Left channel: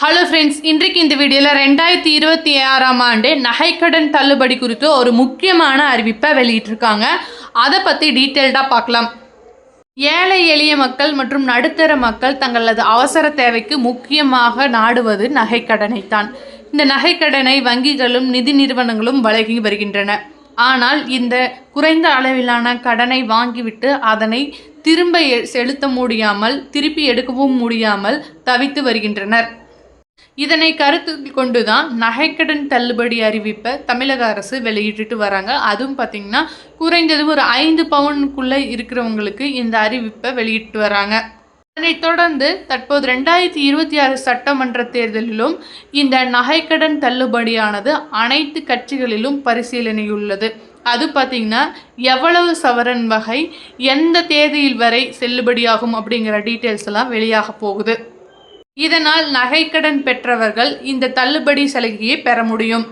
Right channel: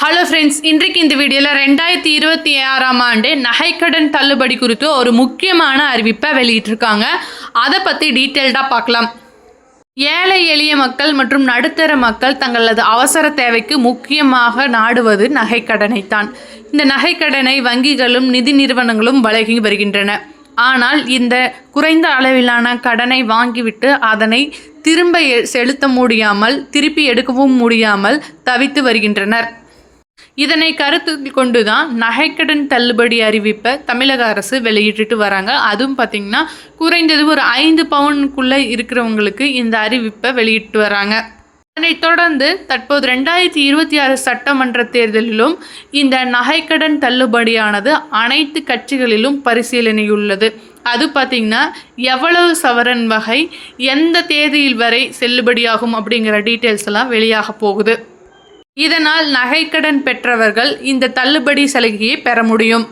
Hello friends இன்றைக்கு இந்த வீடியோவில் ரெண்டாயிரத்தி இருபத்தி ஆறாம் ஆண்டு நகைக்கடன் தள்ளுபடி குறித்து ஒரு முக்கியமான அறிவிப்பை வெளியிட்டிருக்காங்க. அதை பற்றி டீட்டெயில்டாக பார்க்கலாம். ஏழை எளிய மக்கள் மற்றும் நடுத்தர மக்கள் தங்களது அவசர தேவைக்கு முக்கியமாக நாடுவது நகைக்கடனைத்தான். இந்த நகைக்கடனை வங்கிகளும் நிதி நிறுவனங்களும் வழங்கி வருகின்றன. ஆனால் இந்த குறைந்த அளவிலான கடனை வாங்கிவிட்டு அதனை திரும்ப செலுத்த முடியாமல் திருப்பி எடுக்கவும் முடியாமல் தவித்து வருகின்றனர். இதனை கருத்தில் கொண்டுதான் நகைக்கடன் தள்ளுபடி அறிவிப்பை தமிழக அரசு வெளியிட்டுட்டு வராங்க. அதுவும் பார்த்திங்கன்னா குறைந்தது ஒரு ஐந்து பவுனுக்குள்ளே இருக்கிறவங்களுக்கு இந்த அறிவிப்பை வெளியிட்டு வராங்க. அதனைத் தொடர்ந்து தற்போது ரெண்டாயிரத்தி இருபத்தி ஆறு சட்டமன்ற தேர்தலிலும் இந்த நகைக்கடன் தள்ளுபடியானது அனைத்து கட்சிகளிலும் பரிசீலனையுள்ளது. அது பார்த்திங்கன்னா எவ்வளவு சவரன் வகை எந்த தேதியில் வரை செல்லுபடியாகும் அப்படிங்கிற டீட்டெயில்ஸ் எல்லாம் வெளியாக போகுது. இதனால் நகைக்கடன் பெற்றவர்கள் இந்த தள்ளுபடி சலுகையை பெற முடியும்.